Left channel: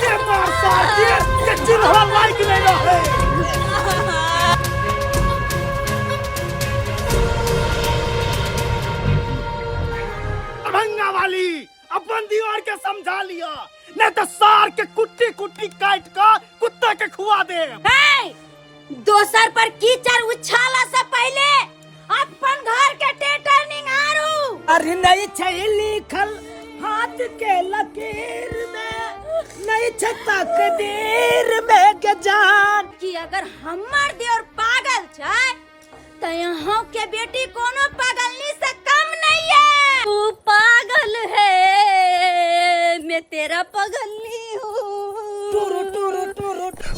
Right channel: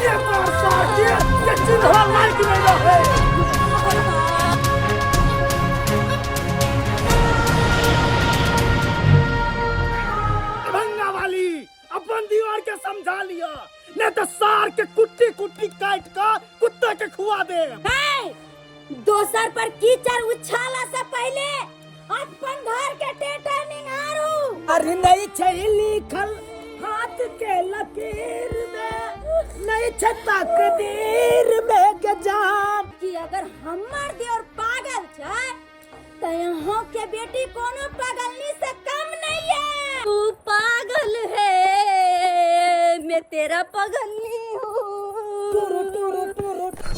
ये बरसात ये चूल्हा लाइक नहीं रहे। अभंगा वाली अपन दीवार के समझा लिया, नहीं तो सार के कुट्टी कुट्टी काट का कुत्ते के खुआ दे। दोसर पर कीचड़ उछाला से पहले अपन घर के टेटनिंग आरू। अरे नहीं छई लिखल हाथ के लकीर में, नहीं छ तकदीर में के जान कि अगर हमर देवर पागल छै तो यहाँ के बेटी कोनो पागलनी से कम नहीं है। तू पागल है, मैं तेरा पगलनी हूँ।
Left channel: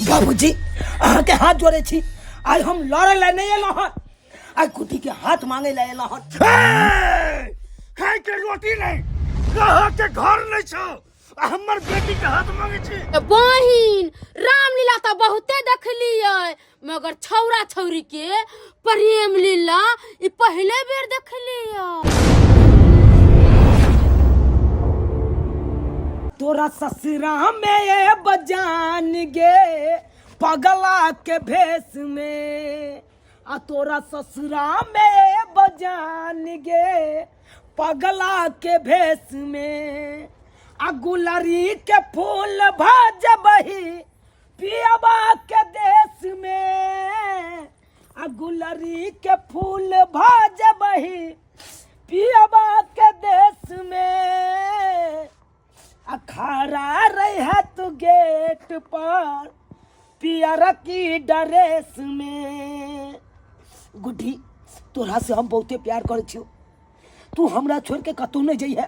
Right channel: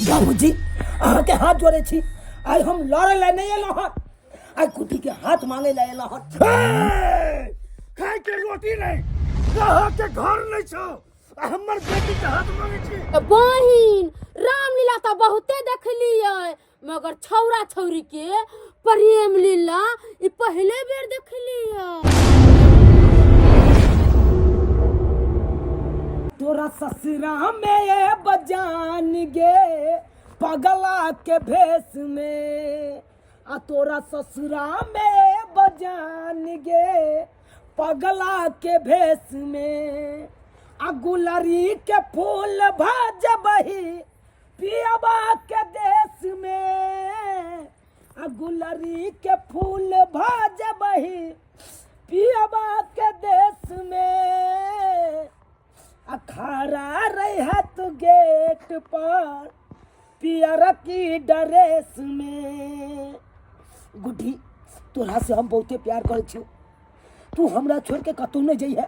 बाबूजी अहाँ के हाथ जोड़े छी, आई हम लड़े ला नहीं एलो हन, आई कुटी के हाथ मांगे ला एलो हन। खाए के रोटी नहीं, कहा के घर नहीं छ, हमर बेटी के हाथ मांगे छी। बहिन रामलीला तो बहुते देखली है, मगर छौरा छौरी के प्रेम लीला ई पहले बेर देखली है। तोरा ससुरा में ये बजान गे पगला के भेष में, आ तोरा ससुरा में बजान गे पगला के भेष में, आ गुलरी के फूल भजबही पियबा के देश में, आ गुलरी के फूल भजबही पियबा के देश में, अखाड़ा रहे तू गेट पर पियर की ड्रेस में। गुड्डी तोरा से हम बहुते प्यार करे छियो, तू हमरा छोड़ के कतौ नहीं जइहे।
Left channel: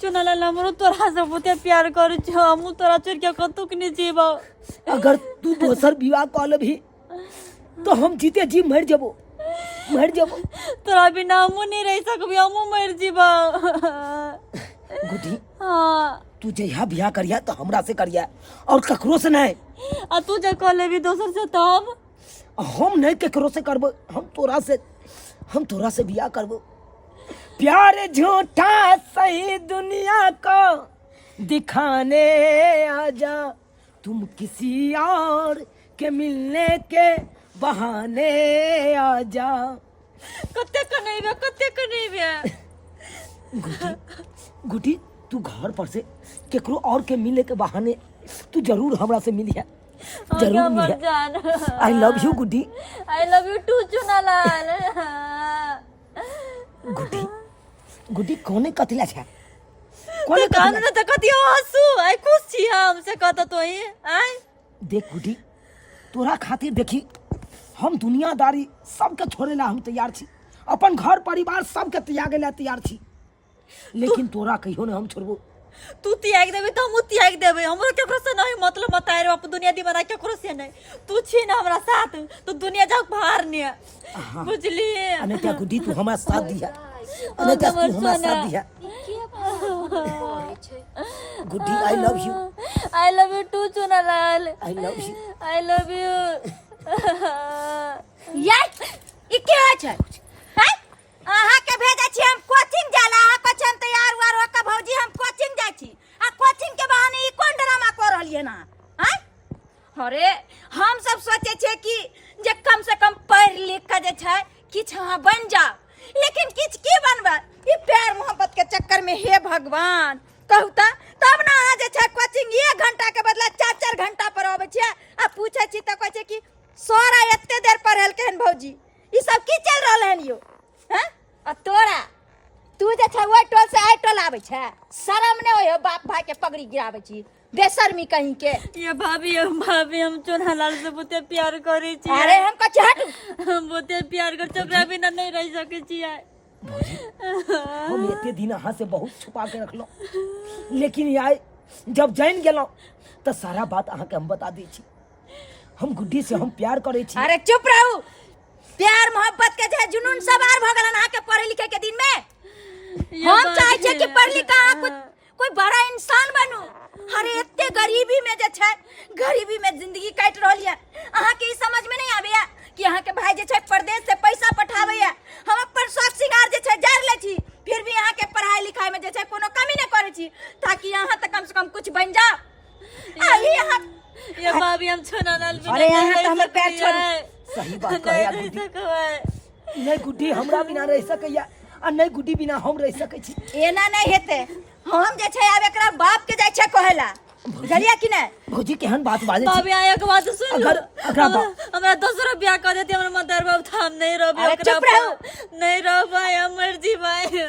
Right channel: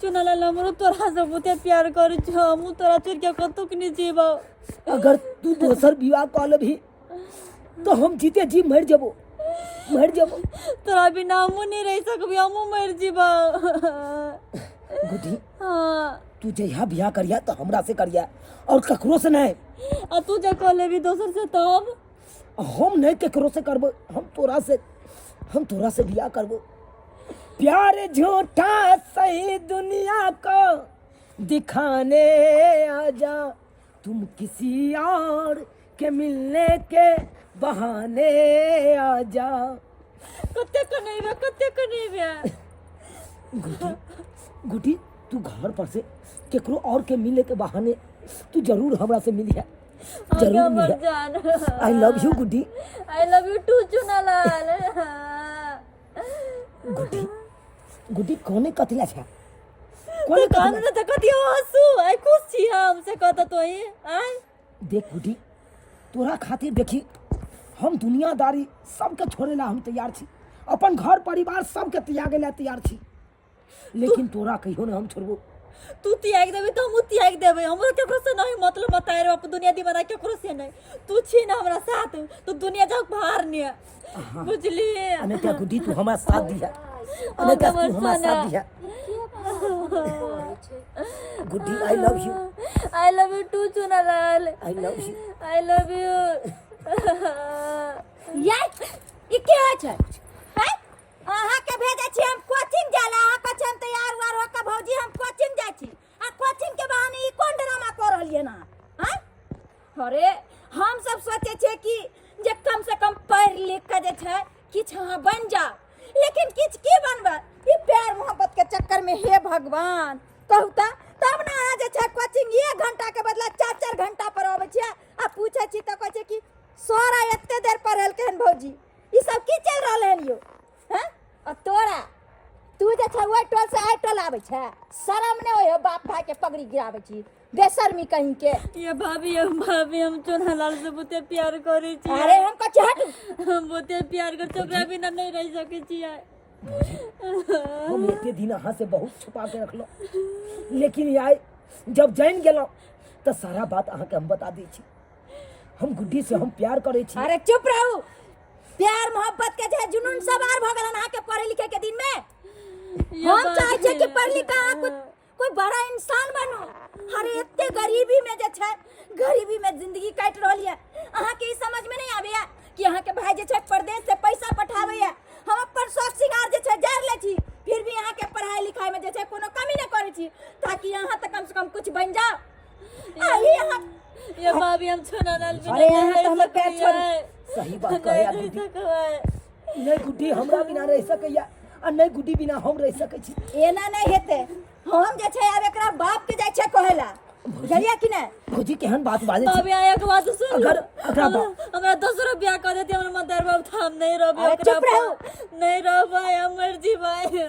चुनलाल हमरो तोरा से बहुते प्यार करै छ, हमहु तोरा छोड़ के कतौ के नहीं जेबो। अगर तू दोसर विवाह कर लेबही तो हम जीते जी मर जेबो, मर जेबो। तोरा बिना हमहु नहीं रह सकबी, हमहु मर जेबो। गुड्डी हां तू जइहा बियाह करिया तो हमरा से करिया और ककरो से नहीं। आ तू जे कह लेबी दोसर से तब हम नहीं ककरो से करबो, हम तोरा से बियाह करबो। प्यार झूठा सही दुनिया को दिखाने आजा, तुम किसी और के मिलने के बहाने आजा। कते नहीं बे गुड्डी तू घर पर से केकरो और के मिले के बहाने तू जरूर हमरा से मिलिया, जरूर मिलिया। I love you Guddi, I love you too Chunalal. Guddi कोने कतिला छ, कोने कान त कति हंसू आई खुश छी हमसे कहत तो ही आई। देख गुड्डी तोरा खातिर देखी हम दुनियादारी सबके छोड़ेला हम तैयार छी, अपन घर परिवार सबके त्यागे ला तैयार छी, लेकिन तोरा कहियो न हम छोड़बो। तू त्याग देबे तो हम त्याग देबे, हमरो केकरो से नहीं मतलब बताए रे अपन दुनिया दीवाना केकरो से नहीं। तू छी ना हमरा साथ तो दुनिया जाक बाहर ने बुझली। अने क्या गुड्डी तू हमरा साथ दिया, अने क्या तू हमरा साथ दिया। Guddi I love you too Chunalal, I love you. I love you. यार ई क्या छै? हैं अहाँ के भेजा छी हम कोचिंग जाला, अहाँ को हम तैयार हुआ रो का भौजी हम कोचिंग जा छी, आ कोचिंग के बहाने ई कोन ड्रामा कर रहलिए ना। हैं अरे हम सब सोचे छे कि जे कम से कम पढ़ लिख के जे छै किछ अहाँ बन जाओ, लेकिन किछ की बनबा ई प्यार मोहब्बत के चक्कर में। हे भगवान कहू तब ना अहाँ जे छै कोचिंग 1 घंटा के बदला 4-4 घंटा पर आबै छै, आ पूछे छी त कहै छै कि सोरा एते देर पढ़ल केहन भौजी, ई सब की चल रहल है यो। हैं आ तोरा तू जे छै ओइ टोल से आइ टोल आबै छै, शरम नै होय बाप भाई के पगड़ी गिराबै छी, बेशर्मी कहीं के। ये भाभी हम चुनालाल से बहुते प्यार करै छी। अरे हम कछ हट, हम बहुते प्यार कर ओकरा बिना नहीं रह सकै छी। हम एते दिन अहाँ से बहुत छुपा के रखलो, लेकिन आइ जब जान गेलो तो सारा बात अहाँ के हम बता दै छी। हम गुड्डी से हम प्यार करे छी। अरे चुप रहू, प्यार मोहब्बत के जे जुनून सवार भ गेलन अहाँ के पढ़े लिखे के दिन में। हम चाहे छे कि पढ़ लिख के कोई बड़ा इंसान बनू। अरे एते गरीबी में जे छै, गरीबी में जिंदगी काट रहल है, अहाँ के ई समझ में नहीं आबे कि अहाँ के भाई जे छै प्रदेश से पैसा पठावे है, हम अपन शौक सिंगार जे छै जार ले छी, फिर भी अहाँ के पढ़ाई लिखाई में जे छै कोनो कमी नहीं करे छी, ताकि अहाँ त कम से कम कुछ बन जाओ। आई यहाँ ये भाभी हम छोना लाल बिना अरे यहाँ नहीं तो हमर पैर सकैया। छोड़ू। सही बात कहे यार नहीं गुड्डी सकबै। नहीं गुड्डी हमरा बिना रह सकैया आ नहीं गुड्डी बिना हम रह सकै छी एना नहीं हेते हम जे छै आब एकरा बाप के जाय छै कहेला बुझलिया कि नहीं भौजी केहन बात बाजै छी भाभी आया के बात सुन लो। अगर हमरा 10 रुपया कह देती हमर मदर बाबू था हम नहीं रहबे अरे ओकरा चुप रहो। पर। नहीं रहबै हम मर्जी भाई।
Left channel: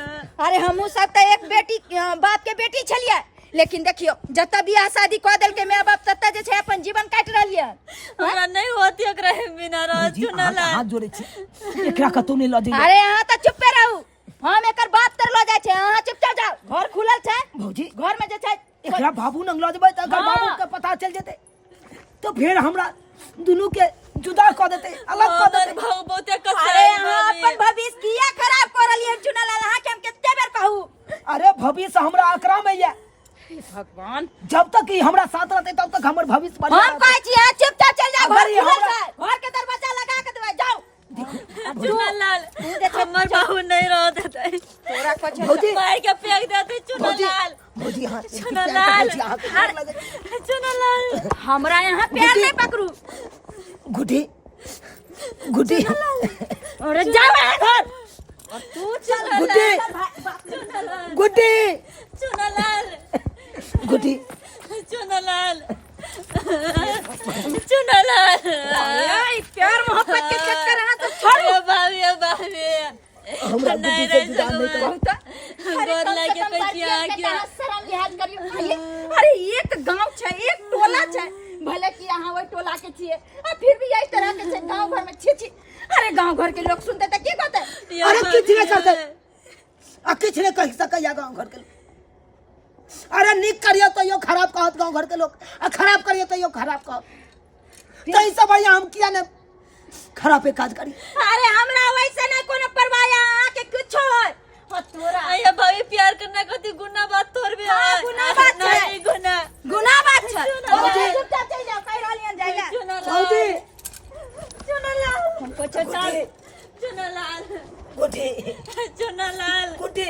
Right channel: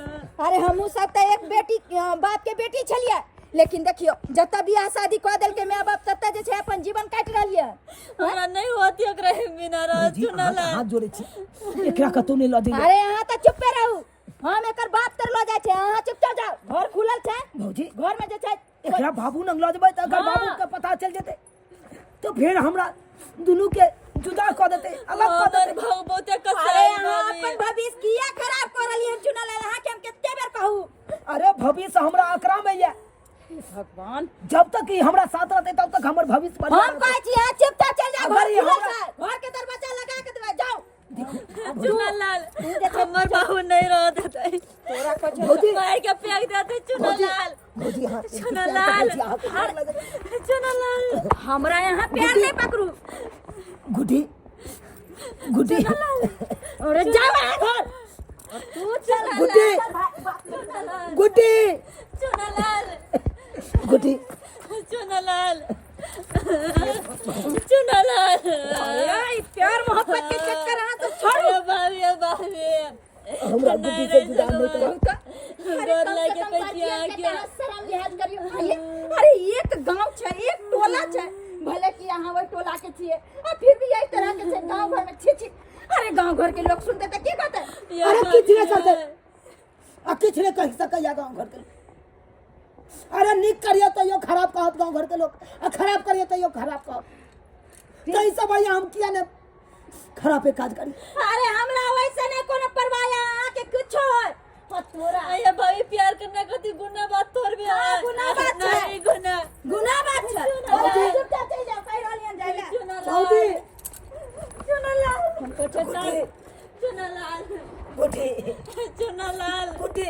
अरे हमहू सब तो एक बेटी बाप के बेटी छलिए लेकिन देखियो जतऽ बियाह शादी कऽ देलकै माय बाप ततऽ जे छै अपन जीवन काटि रहलिए हमरा नहीं होती ओकरा बिना रह भौजी चुना अहाँ लाल। हाथ जोड़े छी एकरा कतौ नहीं ल दियो अरे यहाँ तो चुपे रहू हम एकर बात तर लो जाय छै अहाँ चुपचाप जाओ घर खुलल छै भौजी घर में जे छै एकरा बाबू नंग ल जेबै त अगर हाँ। बाबू के पता चल जेतै तो फिर हमरा दुनू के जुदा क देतै अलग क हमर देतै भाव बहुते कसाई अरे यहाँ भाभी। अपन भविष्य किया खराब कर रहलिए चुना लाल अहाँ के हम कितने बेर कहू अरे भविष्य हमरा एकरा में ये भगवान जब तक ई हमरा साथ रहतै तब तक हमर भविष्य बढ़िया हम कहै छी यहाँ चुपचाप चल जाओ अगर घर ये खुलल हमरा- छै घर के दरवाजा लगा के देबै जाओ चुना लाल हमर बाबू नहीं रह देतै। तोरा कुछ भौजी मार के फेंक देतै चुना लाल। भौजी हां चुना लाल चुना लाल। हमरा यहाँ पैर नहीं पकड़ू गुड्डी गुड्डी अरे जाओ यहाँ घर और तू चल गुड्डी गुड्डी चुना लाल गुड्डी चुना लाल चुना लाल। अरे प्यार मोहब्बत के चक्कर है तो छोड़ो अरे भाभी हमरा गुड्डी से जुदा नहीं करो गोर लागे कहिया क्या शर्म लिहाज करियो अरे एक गांव छै एक टोला छै भले कि अहाँ वही टोला के छिए आ फिर भी इस तरह के छै गांव घर में छी छी अरे गांव घर के लोग सुनते त की कहते अरे किछ नहीं करते आ किछ नहीं कह सकैया गांव घर के लोग अरे निक करियो तो यो खराब कहत गांव घर के लोग आ खराब करियो तो यो खराब कहत तो ई सब भैया हम किया ने खराबे काज करी अरे हमरा वैसे नहीं कोनो परवाह है अहाँ के कुछो है और तोरा आया भाभी प्यार करना कति गुना बात तोर भी हाँ, है। गुना बात है। नहीं गुना गुनाह बात छै भौजी। चुपचाप चल जाओ कह रहलियन जाइला चुना लाल भौजी चुना लाल हमको चल चुना लाल गुड्डी चुना लाल गुड्डी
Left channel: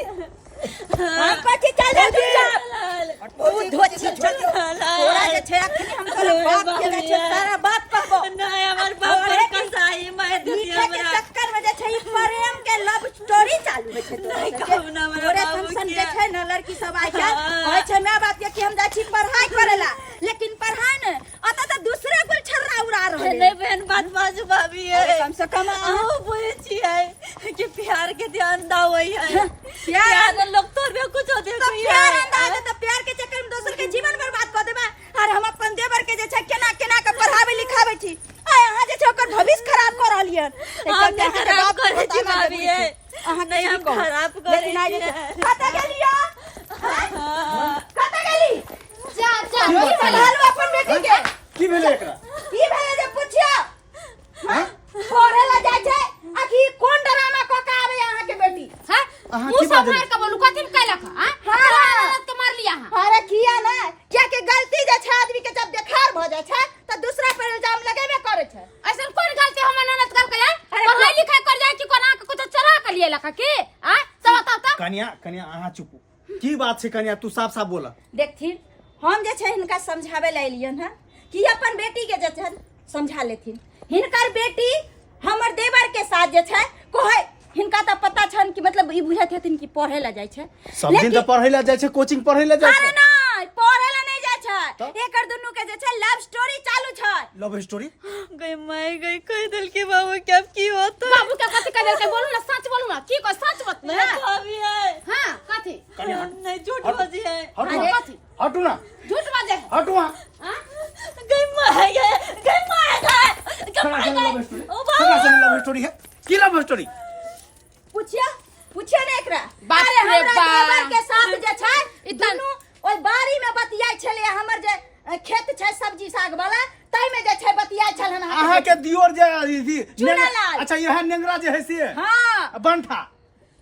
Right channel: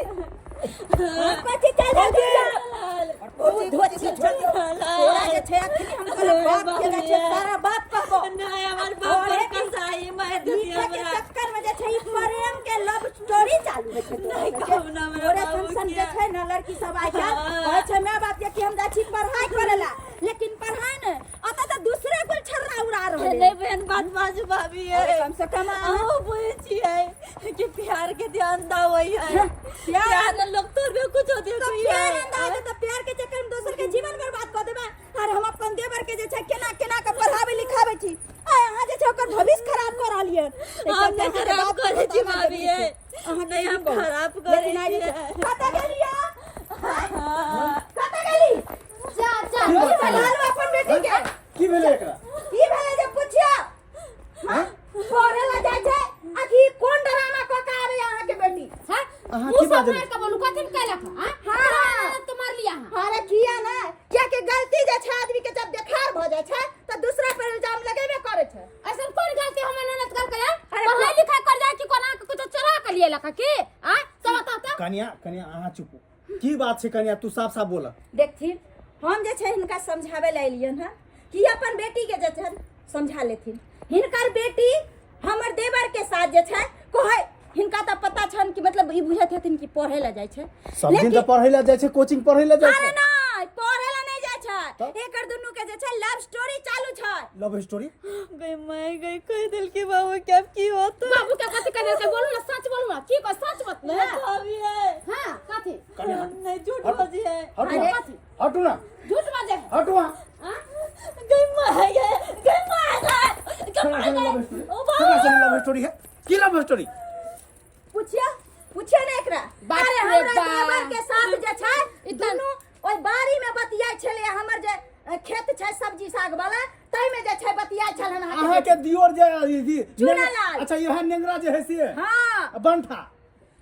हां कथि चल जा चुपचाप लाल बहुत धोची तोरा जे छै अखनी हम तोरा बाप के जे छै सारा बात कहबो नहीं हमर बाप पर कसाई मार देती नीचे के हमरा। चक्कर में जे छै ई प्रेम के लव स्टोरी चालू होइ छै नहीं कहू ना हमरा तोरे बाबू फंक्शन किया। जे छै ना लड़की सब आइ छै हाँ। कहै छै माय बाप के कि हम जाइ छी पढ़ाई करेला लेकिन पढ़ाई ने अत त दूसरे कुल छर्रा उड़ा रहल नहीं बहन बात बाजू भाभी है कम से कम अहो बुझे छियै कि प्यार के ध्यान दाओ है प्यार प्यार लोग तोर भी कुछ होते तो प्यार अंदाज है, तो प्यार के चक्कर में दोसर के जीवन बर्बाद कर देबा और हम अपन देवर के जे छै केना केना के पढ़ावे लिखावे छी आ यहाँ जे छै ओकर भविष्य खराब कर रहलियन हम नहीं खराब करे छी भाभी है नहीं हम खराब करे छी कतऽ गेलिया कतऽ गेली जा जा संभालो अपन बेटी के की भेलै एकरा की भेलै जे पुछिया पढ़े ला जाय छै आखी कोन ड्रामा क के आवे यहाँ के बेटी हां अहाँ मुंह की सब बाजै मार के बोलू कथि कैलक हां हाँ। तो मार लिया हां अरे किया ना क्या के गलती जे छै आदमी के जब देखार भ जाय छै त दूसरा पर इल्जाम लगेबे करे छै ऐसन कोन गलती हम ननद कर के अरे पढ़ाई लिखाई कर जाए कि कोना के कुछ चला के लिए लका के आ सब बताओ तो कन्या कन्या अहाँ चुप की बात छै कन्या तू साफ साफ बोला देखथिन हम जे छै हिनका समझावे ला एलियन है कि अपन बेटी के जे छै समझा लेथिन हिनकर बेटी हमर देवर के साथ जे छै कोहे हिनका त पता छन कि मतलब ई बुझत हथिन कि पढ़े ला जाय छै सब दिन तो पढ़ै ला जाइ छै कोचिंग पढ़ै ला जाइ अरे छै नहीं पढ़े ला नहीं जाय छै तब? एकर दुनू के जे छै लव स्टोरी चालू छै लव स्टोरी गई माय गई कह दिल के बाबू क्या की होता बाबू के कथि कर के बोलू ना सच बोलू ना की को सच मत ना भाभी है हां कथि कन्या नहीं झूठ बाजी है हटू अरे, कथि हटू ना झूठ बाजे हटू वहाँ हां गई माय गई माय गई खड़ा से लव स्टोरी खड़ा से लव स्टोरी है की लव स्टोरी पूछिया ने एकरा बाप अरे रे हमरा बाप। देवर के साथ जे छै ई ई दुनू ओइ बारी में बतियाय छले हमर जे खेत छै सब्जी साग वाला तै में जे छै बतियाय छल हम अहाँ के दियोर जे ई चूना लाल। अच्छा यह नेंगरा जे है से हां बनठा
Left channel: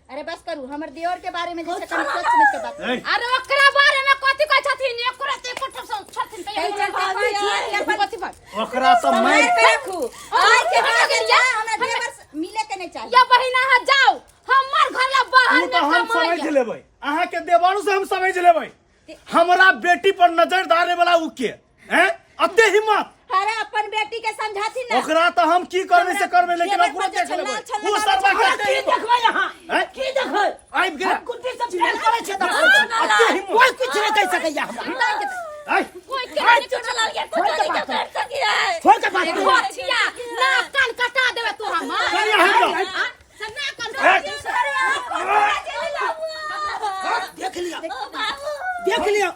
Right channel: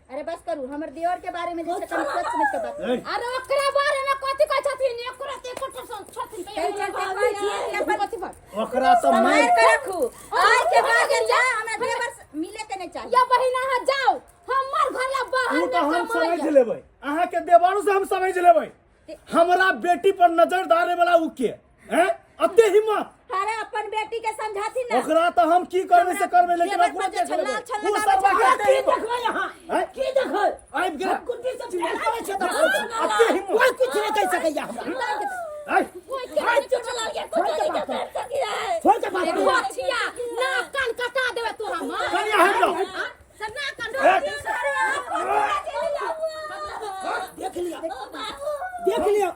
अरे बस करू हमर दियोर के बारे में जे छै कनी सोच समझ के बात ए, अरे ओकरा बारे में कथि कहै छथिन एकरा ते कुछ छथिन त एहि चलते कहै छियै कि अपन कथि बात ओकरा तो संभाल मार के रखू आइ के बाद जे छै हमरा देवर से मिले के नहीं चाहिए या बहिना हा जाओ हमर घर ला बाहर ऊ न तो हम समझ कमाई लेबै अहाँ के देवानु से हम समझ लेबै हमरा बेटी पर नजर डाले वाला ऊ के हैं अते हिम्मत अरे अपन बेटी के समझाती ना ओकरा तो हम की करबे से करबे लेकिन जेवर ओकरा पर देख लेबै छल्ला वो लगाबै सरवा छै। के की देखबै यहाँ हैं? की देखबै आबि गेल गुड्डी से प्यार करे छै तो अते हिम्मत कोई कुछ नहीं कह सकैया हमरा आई कोई के नहीं छोड़ लाल के छोड़ के बात कर सकी है छोड़ के बात एगो छिया ना कान कटा देबे तोरा मां कनिया हट जाओ सन्ना कान देख लिया देख लिया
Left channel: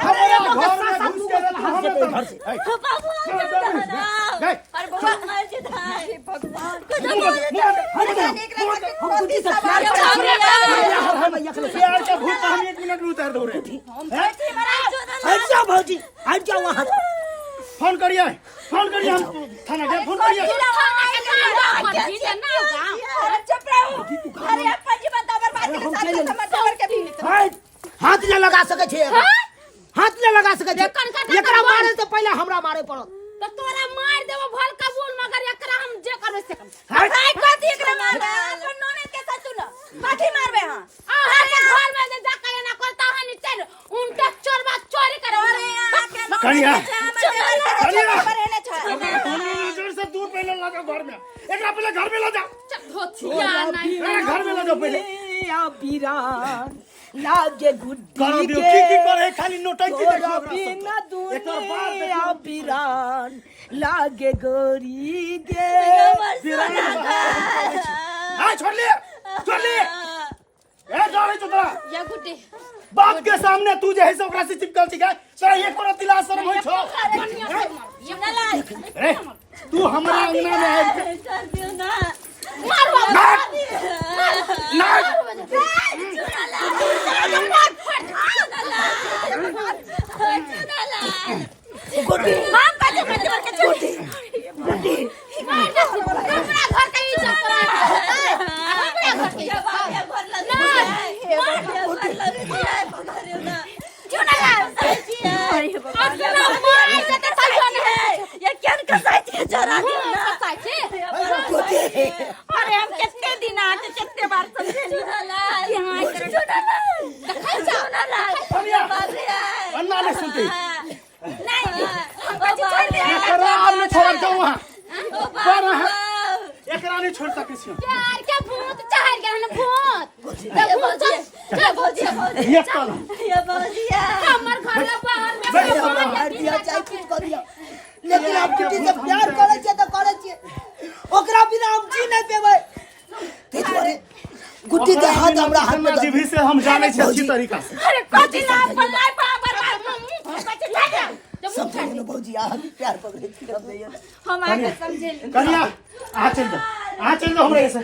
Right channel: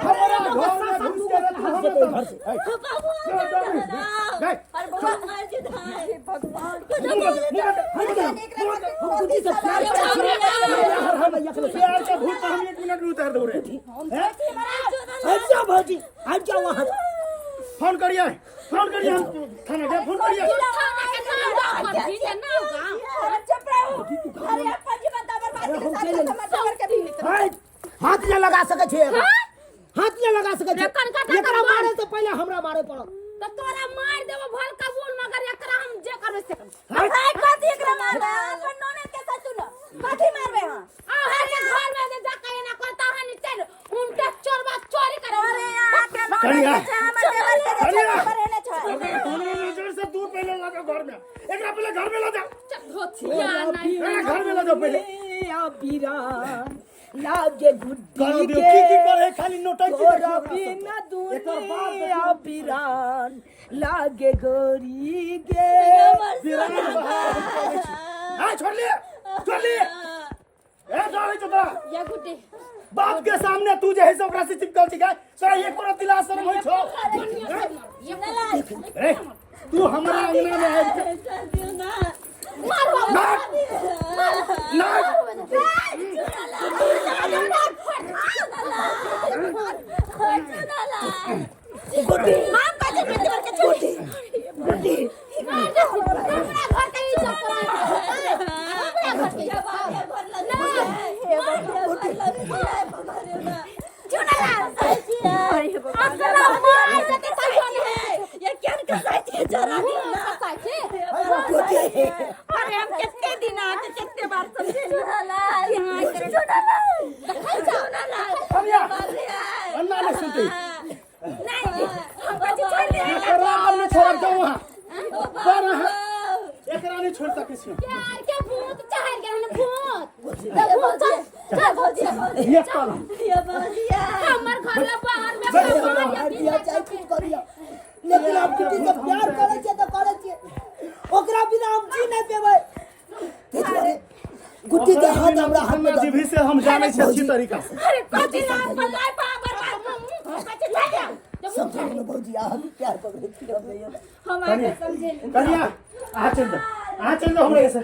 हमारा घर में घुस के रहल हमें तो घर से आई बाबू गए अरे बाबू मर जे धाय भगवान हम गुड्डी से प्यार करे छी प्यार का भूत हम 1 मिनट में उतार दो रे हैं? हट जाओ भौजी हट जाओ वहां फोन करिए हम थाना गए फोन करिए चुप रहो। अरे अपन जीवन तो बर्बाद के साथ समझ के भी हाथ ले लगा सके छे हाथ ले लगा सके छे एकरा मारे से पहले हमरा मारे पड़त तो तोरा मार देबो भल कबूल मगर एकरा हम जे करबे से हाय कथी एकरा मारबे अपन नोने के साथ सुनो कथी मारबे हां अरे घर में जे जाके ना करता है नी चल उनके चोरबा चोरी करे कनिया कनिया नजर से दूर पहले लगा घर में एकरा पहले घर में ले जा धोतिया नहीं घर में ले जाओ पहले या बीरा लागे गुड्डी करो दियो की करे खाली नोटंकी तोरा बिना दुनिया बीरान लागे गोरी गे हां छोड़ ले ए जावे तो या गुड्डी बाप के सामने तू जे है से ओकरा से चिपकल छी तोरा एक बार दिला शर्म होई छो अरे तू हमरा अंगना में है चल दियो ना गुड्डी हम कथी करते के छोटी घर के इज्जत ये क्या कसाई जरा दियो ना अरे हम कितने दिन आके कितने बार समझेली यहां अन्ना ले सुनते नहीं हम कथी छोड़ दे एकरा आपने छोड़ दो वहां पर एकरा नहीं छोड़ सके छी प्यार के भूत चाहर के हन भूत ये तो हमर घर में बाहर में मार दिया चाहे कुछ करिया लेकिन आप गुड्डी से प्यार करे छे तो करे छे ओकरा बिना हम जी नहीं पेबै ते तोरे गुड्डी के हाथ हमरा हाथ में जीभी से हम जाने छी अच्छी तरीका से अरे कथी ना अपन लाइफ बर्बाद कथी लागे समझो भौजी आप प्यार पकड़े छी हम नहीं हम आके समझेली कनिया आ चल दो हमरे से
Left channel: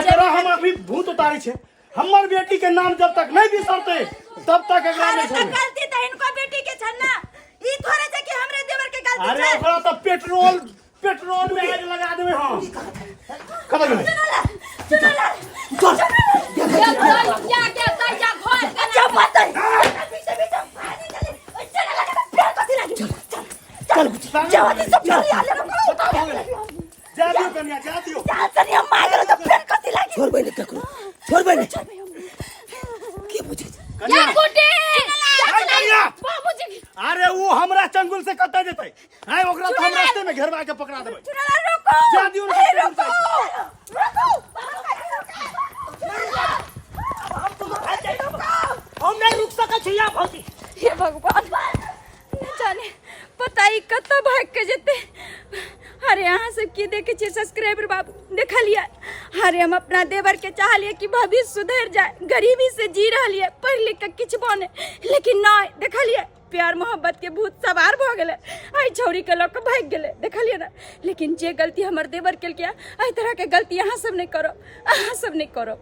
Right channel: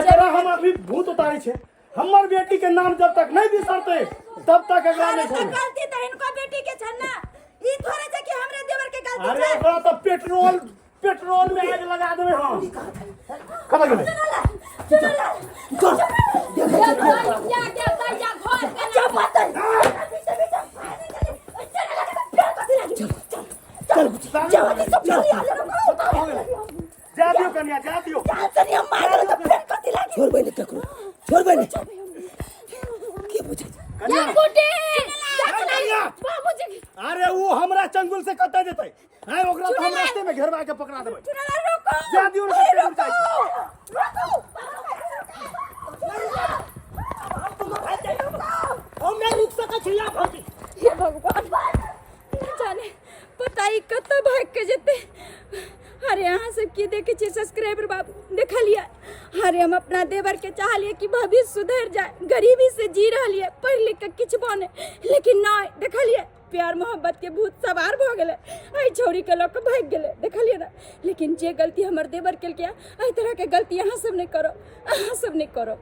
एकरा हम अभी भूत उतारी छे हमर बेटी के नाम जब तक नहीं बिसरते तब तक एकरा नहीं छोड़े गलती तो इनको बेटी के छन्ना ई थोड़े से कि हमरे देवर के गलती अरे है ओकरा तो पेट्रोल में आग लगा देबे हम कत गेलै चल गुड्डी जवानी सब चली आले जा दियो कनिया जा दियो तनी हम मार तो फिर कथी लागे छोड़ बैले ककरो छोड़ बैले के बुझे या गुड्डी कनिया बाबूजी अरे वो हमरा चंगुल से कत जेतै है ओकरा तो हम रास्ते में घेरवा के पकड़ा देबै चुनला रुको जा दियो हम नहीं रुक सके छी या भौजी हे भगवान न जाने पता ही कत भाग के जेते अरे यहाँ से की देखे छी सब्सक्राइबर बाबू देखा लिया अरे हम अपना देवर के चाह लिए कि भविष्य सुधर जाए गरीबी से जी रहा लिए पढ़ लिख के किछ बने लेकिन ना देखा लिया प्यार मोहब्बत के भूत सवार भ गेले आई छौरी के लोग भाग गेले देखलिए ना लेकिन जे गलती हमर देवर केल किया आई तरह के गलती यहाँ सब नहीं करो अहाँ सब नहीं करो